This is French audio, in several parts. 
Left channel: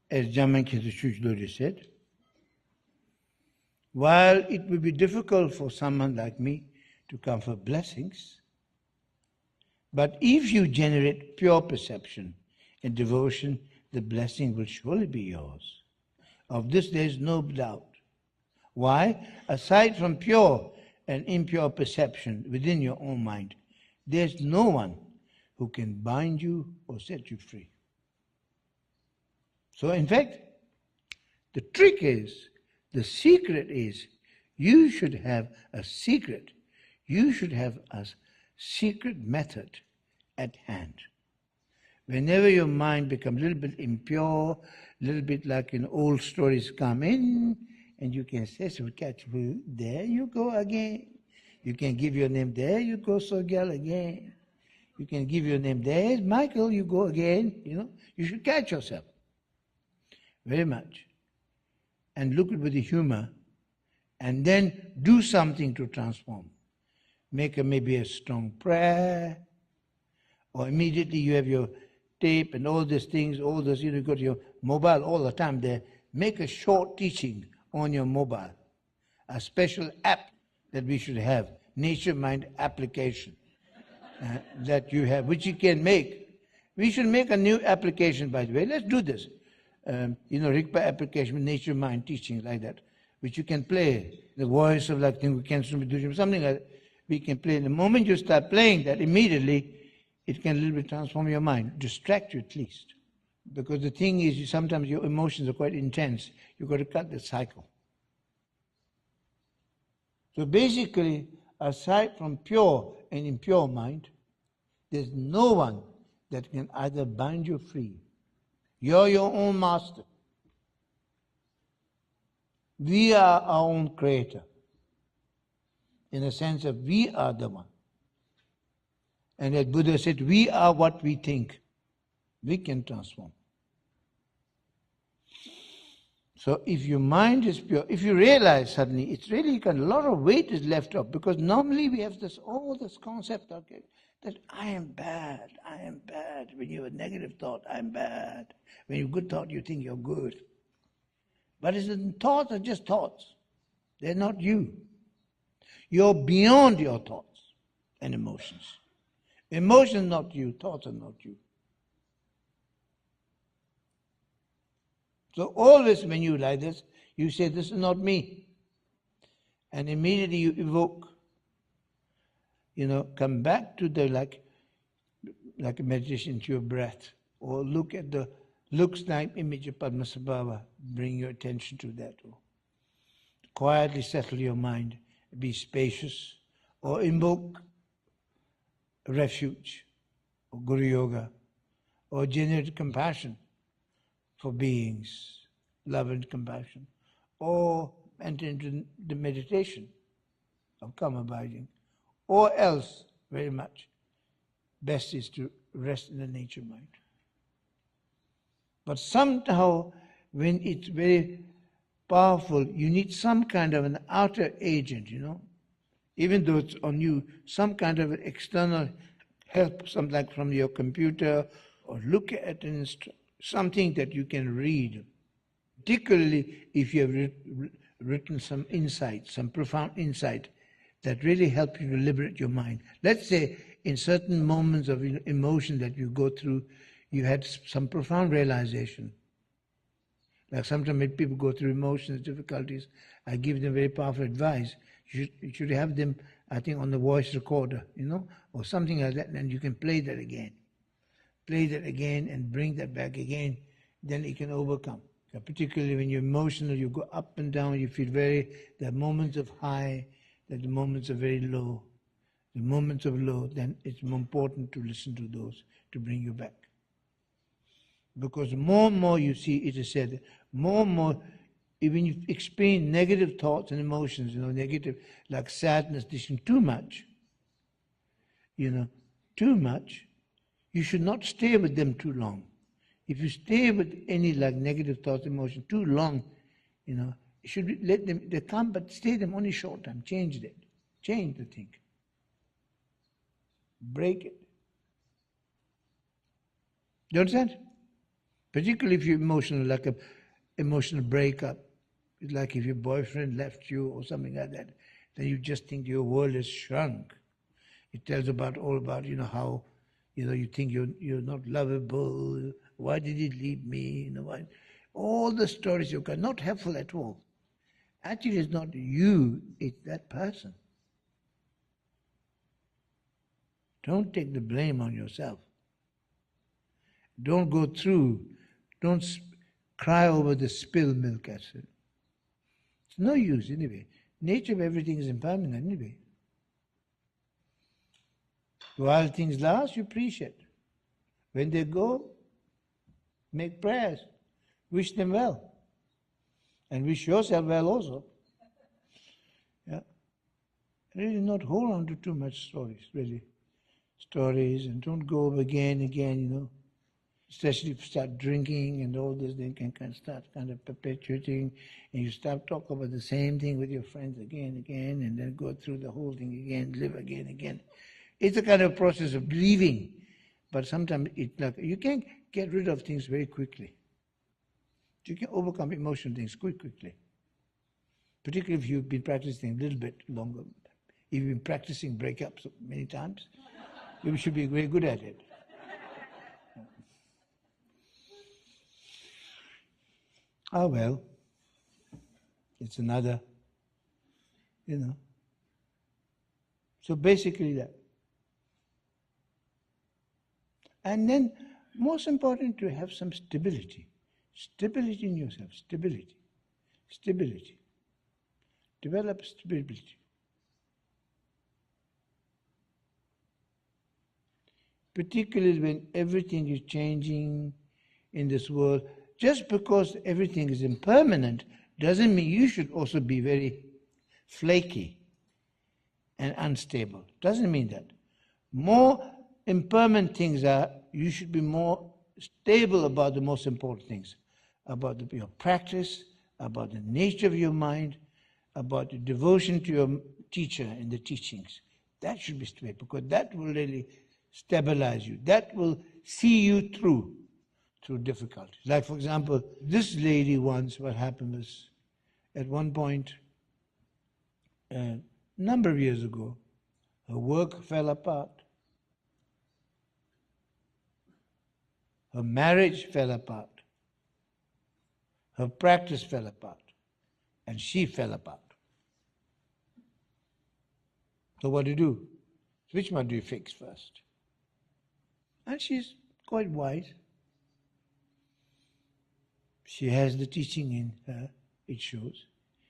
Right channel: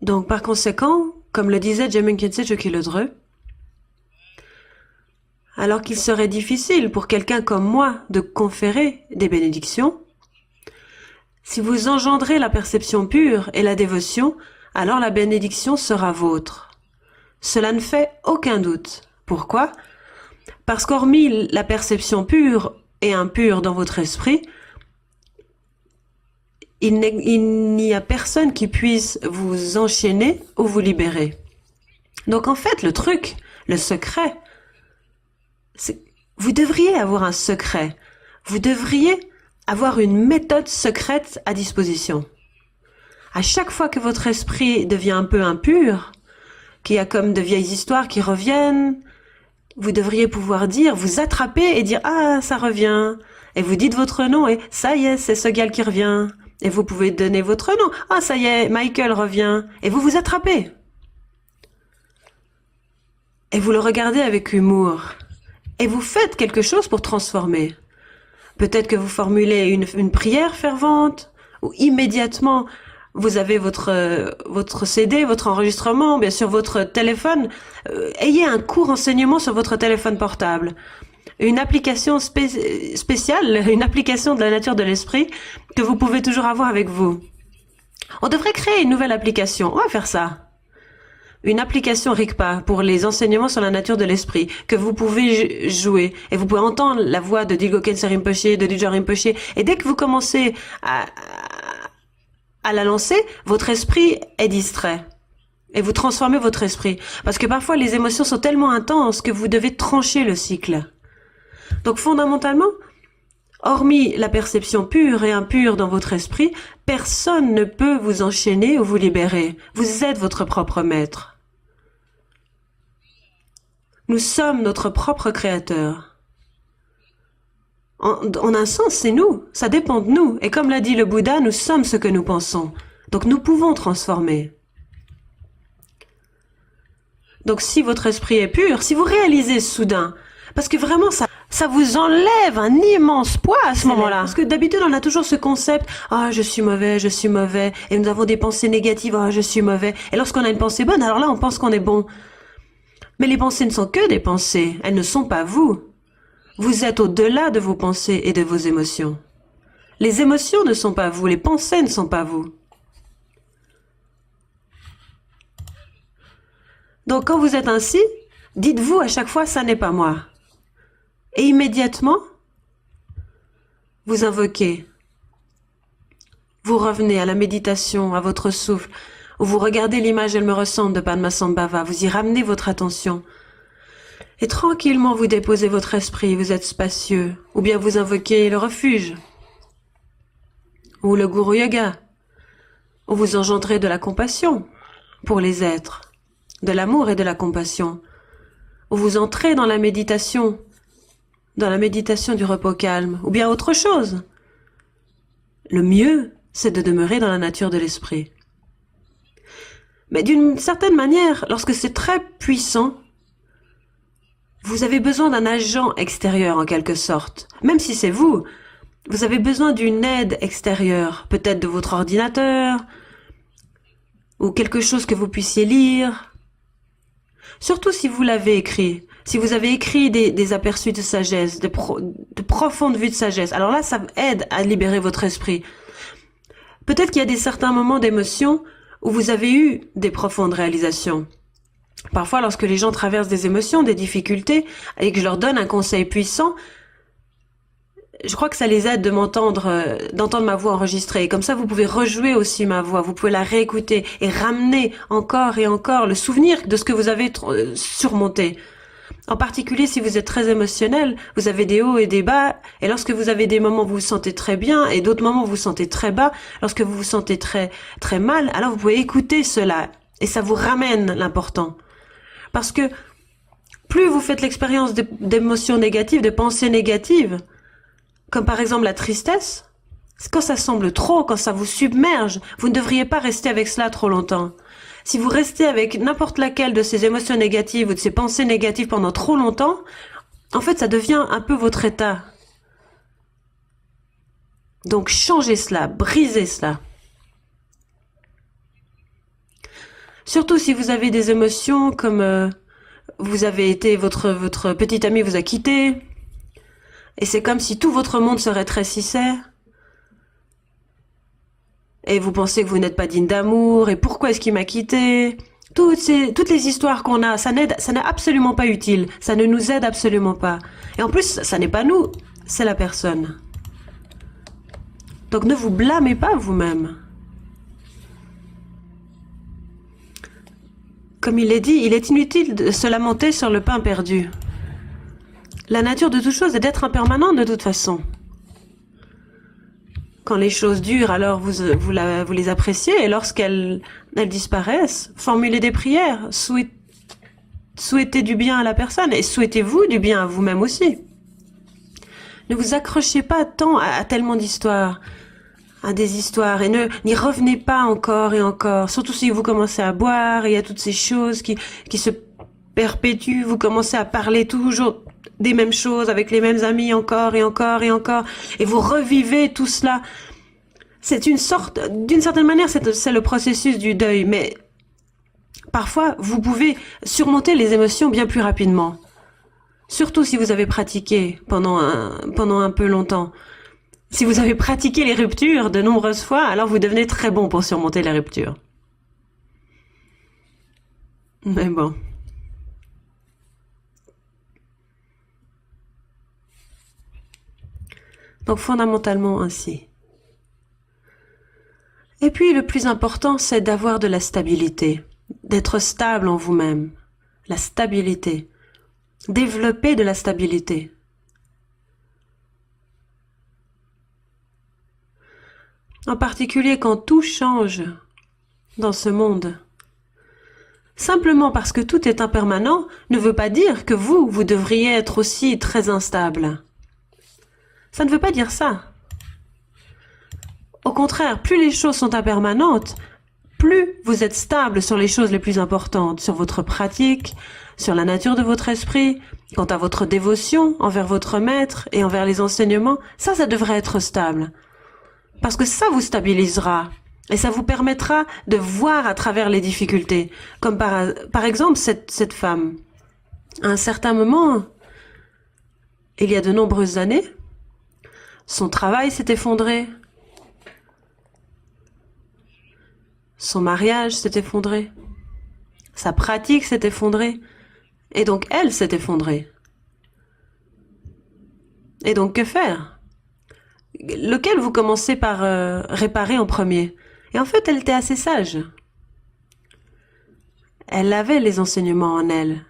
Donc, par conséquent, comme le disait Jamin Khyentse Chokyi-Lodrö, alors qu'il serait difficile pour quelqu'un comme moi de conférer des bénédictions, si vous engendrez la perception pure et la dévotion, alors la bénédiction sera vôtre. Cela ne fait aucun doute. Pourquoi? Parce qu'hormis la perception pure et impure dans votre esprit, il n'y a personne qui puisse vous enchaîner ou vous libérer. Donc en fait, le truc, le secret, vous devriez avoir un secret. Vous devriez avoir une méthode secrète à disposition. À chaque fois que votre esprit devient un peu impur, qu'il y a comme de vieilles histoires qui reviennent, vous devriez pouvoir dire, vous attraper et dire « Ah, ça revient ». Et vous dites votre nom et « Ça y est, c'est ce gars qui revient ». Et vous pouvez donner votre nom. « Ah, ça y est, Michael revient ». Et vous vous attrapez. Et vous le regardez avec humour. Et vous faites quelque chose pour transformer. Peut-être que vous formulez une prière fervente, ou immédiatement, vous avez votre CD, votre enregistrement, bien sûr votre téléphone. Ayez un court enseignement sur votre téléphone portable. Une application spéciale, une application de la nature de l'esprit que vous pouvez toujours avoir avec vous. On devrait créer une nouvelle application. On va faire ça. Une application RICPA pour les enseignements sur la nature de l'esprit, que vous pouvez jouer. Et vous pouvez entendre la voix de Dilgo Khyentse Rinpoche, de Lodro Rinpoche. Et dès que vous commencez à la lancer, votre esprit est distrait. Et vous transformez votre esprit. Parce que parfois, les émotions sont tellement intenses que vous devez trancher le cycle. Donc, fondamentalement, hormis la perception pure et impure dans votre esprit, personne ne peut vous enchaîner ou vous libérer. Vous êtes votre propre maître. Nous sommes notre propre créateur. En un sens, c'est nous. Ça dépend de nous. Et comme l'a dit le Bouddha, nous sommes ce que nous pensons. Donc nous pouvons transformer. Donc si votre esprit est pur, si vous réalisez soudain, parce que vraiment ça vous enlève un immense poids à ce moment-là. Parce que d'habitude on a toujours ce concept, ah je suis mauvais, et nous avons des pensées négatives, ah je suis mauvais. Et lorsqu'on a une pensée bonne, alors là on pense qu'on est bon. Mais les pensées ne sont que des pensées, elles ne sont pas vous. Vous êtes au-delà de vos pensées et de vos émotions. Les émotions ne sont pas vous, les pensées ne sont pas vous. Donc quand vous êtes ainsi, dites-vous à chaque fois, ça n'est pas moi. Et immédiatement, vous invoquez. Vous revenez à la méditation, à votre souffle, ou vous regardez l'image « Elle me ressemble » de Padmasambhava, vous y ramenez votre attention. Et tranquillement, vous déposez votre esprit, vous êtes spacieux, ou bien vous invoquez le refuge, ou le Guru Yoga, où vous engendrez de la compassion pour les êtres, de l'amour et de la compassion, où vous entrez dans la méditation du repos calme, ou bien autre chose. Le mieux, c'est de demeurer dans la nature de l'esprit. Mais d'une certaine manière, lorsque c'est très puissant, vous avez besoin d'un agent extérieur en quelque sorte. Même si c'est vous, vous avez besoin d'une aide extérieure, peut-être de votre ordinateur, ou quelque chose que vous puissiez lire. Surtout si vous l'avez écrit, si vous avez écrit des aperçus de sagesse, de profondes vues de sagesse, alors là, ça aide à libérer votre esprit. Peut-être qu'il y a certains moments d'émotion où vous avez eu des profondes réalisations. Parfois, lorsque les gens traversent des émotions, des difficultés, et que je leur donne un conseil puissant, je crois que ça les aide de d'entendre ma voix enregistrée. Comme ça, vous pouvez rejouer aussi ma voix, vous pouvez la réécouter et ramener encore et encore le souvenir de ce que vous avez surmonté. En particulier, si vous êtes très émotionnel, vous avez des hauts et des bas, et lorsque vous avez des moments où vous vous sentez très bien, et d'autres moments où vous vous sentez très bas, lorsque vous vous sentez très mal, alors vous pouvez écouter cela, et ça vous ramène l'important. Parce que plus vous faites l'expérience d'émotions négatives, de pensées négatives, comme par exemple la tristesse, quand ça semble trop, quand ça vous submerge, vous ne devriez pas rester avec cela trop longtemps. Si vous restez avec n'importe laquelle de ces émotions négatives ou de ces pensées négatives pendant trop longtemps, en fait, ça devient un peu votre état. Donc changez cela, brisez cela. Surtout si vous avez des émotions comme vous avez été, votre petit ami vous a quitté, et c'est comme si tout votre monde se rétrécissait, et vous pensez que vous n'êtes pas digne d'amour, et pourquoi est-ce qu'il m'a quitté? Toutes les histoires qu'on a, ça n'est absolument pas utile, ça ne nous aide absolument pas. Et en plus, ça n'est pas nous, c'est la personne. Donc ne vous blâmez pas vous-même. Comme il est dit, il est inutile de se lamenter sur le pain perdu. La nature de toute chose est d'être impermanente de toute façon. Quand les choses durent, alors vous les appréciez, et lorsqu'elles disparaissent, formulez des prières, souhaitez du bien à la personne, et souhaitez-vous du bien à vous-même aussi. Ne vous accrochez pas tant à tellement d'histoires, à des histoires, et n'y revenez pas encore et encore, surtout si vous commencez à boire, et il y a toutes ces choses qui se perpétuent, vous commencez à parler toujours des mêmes choses avec les mêmes amis encore et encore et encore, et vous revivez tout cela. C'est d'une certaine manière, c'est le processus du deuil, mais parfois, vous pouvez surmonter les émotions bien plus rapidement, surtout si vous avez pratiqué pendant un peu longtemps. Si vous avez pratiqué les ruptures de nombreuses fois, alors vous devenez très bon pour surmonter les ruptures. Mais bon. Donc fondamentalement ainsi. Et puis le plus important, c'est d'avoir de la stabilité, d'être stable en vous-même. La stabilité. Développer de la stabilité. En particulier quand tout change dans ce monde. Simplement parce que tout est impermanent ne veut pas dire que vous devriez être aussi très instable. Ça ne veut pas dire ça. Au contraire, plus les choses sont impermanentes, plus vous êtes stable sur les choses les plus importantes, sur votre pratique, sur la nature de votre esprit, quant à votre dévotion envers votre maître et envers les enseignements, ça devrait être stable. Parce que ça vous stabilisera et ça vous permettra de voir à travers les difficultés. Comme par exemple cette femme. À un certain moment, il y a de nombreuses années, son travail s'est effondré, son mariage s'est effondré, sa pratique s'est effondrée, et donc elle s'est effondrée. Et donc que faire? Lequel vous commencez par réparer en premier? Et en fait, elle était assez sage. Elle avait les enseignements en elle.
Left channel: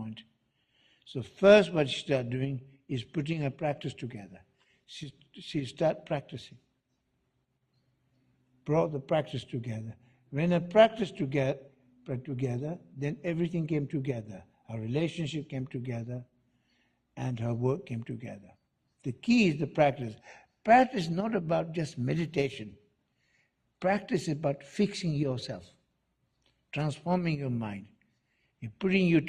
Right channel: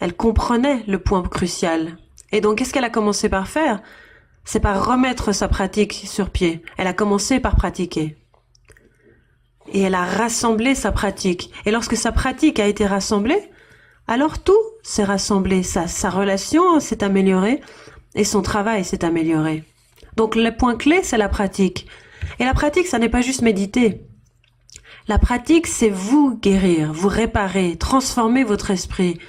Elle comprenait le point crucial. Et donc, qu'est-ce qu'elle a commencé par faire? C'est par remettre sa pratique sur pied. Elle a commencé par pratiquer. Et elle a rassemblé sa pratique. Et lorsque sa pratique a été rassemblée, alors tout s'est rassemblé. Sa relation s'est améliorée et son travail s'est amélioré. Donc le point clé, c'est la pratique. Et la pratique, ça n'est pas juste méditer. La pratique, c'est vous guérir, vous réparer, transformer votre esprit,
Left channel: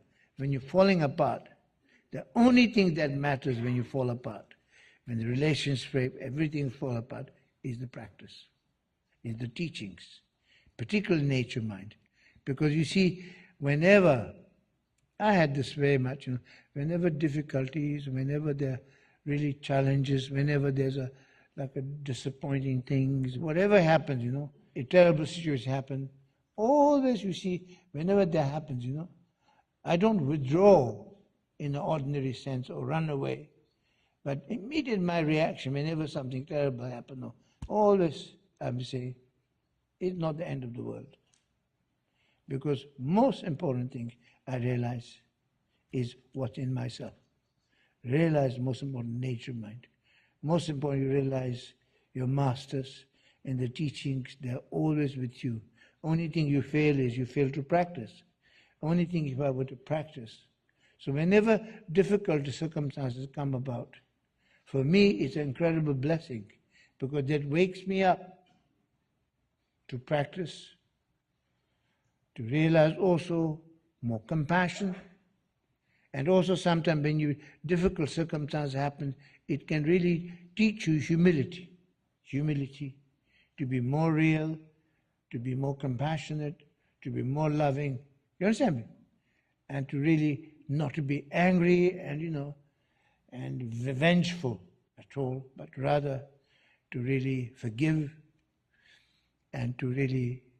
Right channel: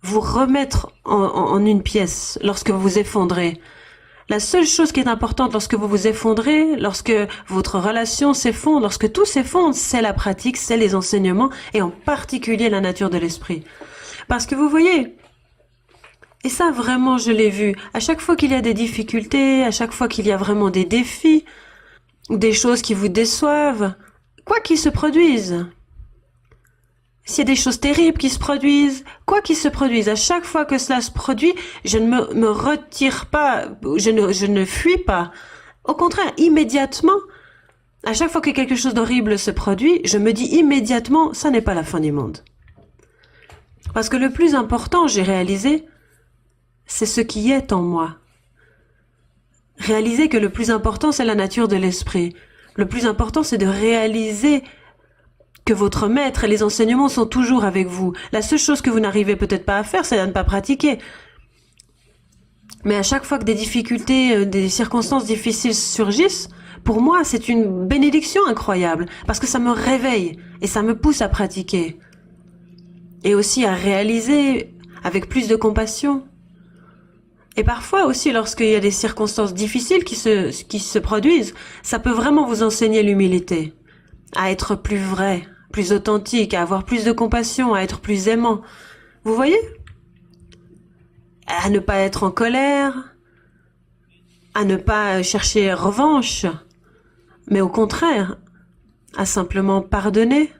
vous remettre en une pièce lorsque vous vous effondrez. La seule chose qui est importante lorsque vous vous effondrez, lorsque votre relation s'effondre, lorsque tout s'effondre, c'est la pratique, c'est les enseignements, et en particulier la nature de l'esprit. Parce que vous voyez, et ça vraiment je l'ai vu, à chaque fois qu'il y a des difficultés, à chaque fois qu'il y a vraiment des défis, ou des choses qui vous déçoivent, quoi qu'ils se produisent, s'il y a des choses terribles qui se produisent, quoi qu'il se produise, à chaque fois que cela se produit, je ne me retire pas, je ne fuis pas. Au contraire, immédiatement, à chaque fois que quelque chose d'horrible se produit, je me dis immédiatement, ça n'est pas la fin du monde. Parce que le plus important, j'ai réalisé, c'est ce qui est en moi. Réaliser que le plus important, c'est la nature de l'esprit. Le plus important, c'est de réaliser que votre maître et les enseignements sont toujours avec vous. La seule chose que vous n'arrivez peut-être pas à faire, c'est à ne pas pratiquer. Mais à chaque fois que des difficultés, des circonstances difficiles surgissent, pour moi, c'est une bénédiction incroyable, parce que ça me réveille et ça me pousse à pratiquer. et aussi à réaliser avec plus de compassion. Et parfois aussi, lorsqu'il y a des circonstances difficiles qui se produisent, ça peut vraiment vous enseigner l'humilité, à être plus vrai, plus authentique, à avoir plus de compassion, à être plus aimant. Vous voyez? À ne pas être en colère, à ne pas chercher revanche, mais au contraire, à simplement pardonner.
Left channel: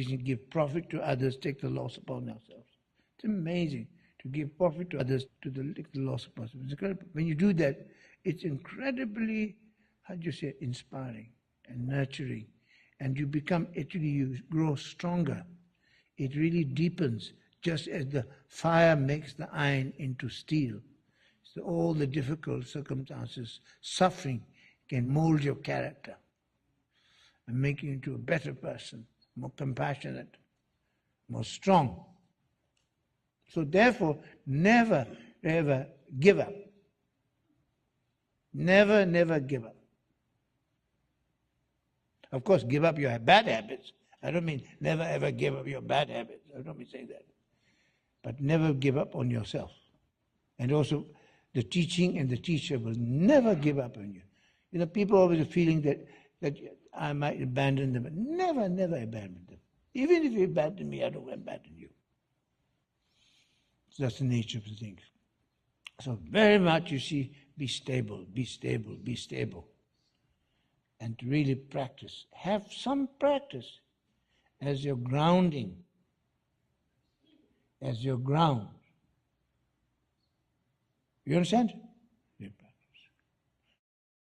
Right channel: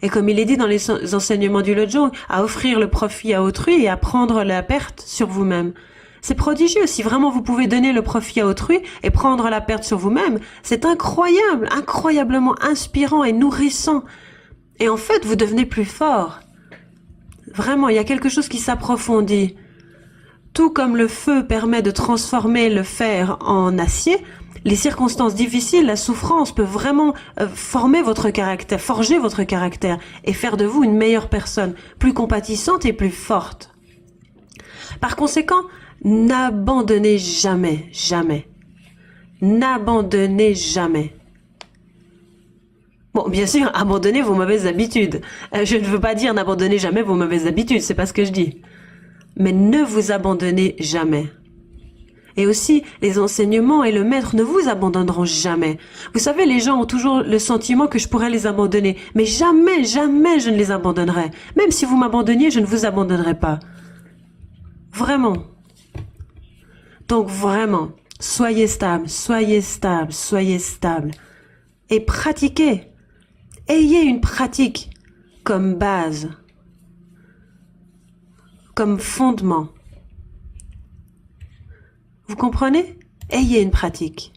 Et comme il est dit dans les enseignements du Lojong, à offrir le profit à autrui et à prendre la perte sur vous-même. C'est prodigieux. Si vraiment vous pouvez donner le profit à autrui et prendre la perte sur vous-même, c'est incroyable, incroyablement inspirant et nourrissant. Et en fait, vous devenez plus fort. Vraiment, il y a quelque chose qui s'approfondit. Tout comme le feu permet de transformer le fer en acier, les circonstances difficiles, la souffrance peut vraiment former votre caractère, forger votre caractère et faire de vous une meilleure personne, plus compatissante et plus forte. Par conséquent, n'abandonnez jamais, jamais. N'abandonnez jamais. Bon, bien sûr, abandonnez vos mauvaises habitudes. Je ne veux pas dire n'abandonnez jamais vos mauvaises habitudes, c'est pas ce que je dis. Mais ne vous abandonnez jamais. Et aussi, les enseignements et le maître ne vous abandonneront jamais. Vous savez, les gens ont toujours le sentiment que je pourrais les abandonner. Mais jamais, jamais je ne les abandonnerai. Même si vous m'abandonniez, je ne vous abandonnerai pas. Vraiment. Donc vraiment, soyez stable, soyez stable, soyez stable. Et pratiquez. Ayez une pratique comme base, comme fondement. Vous comprenez? Ayez une pratique.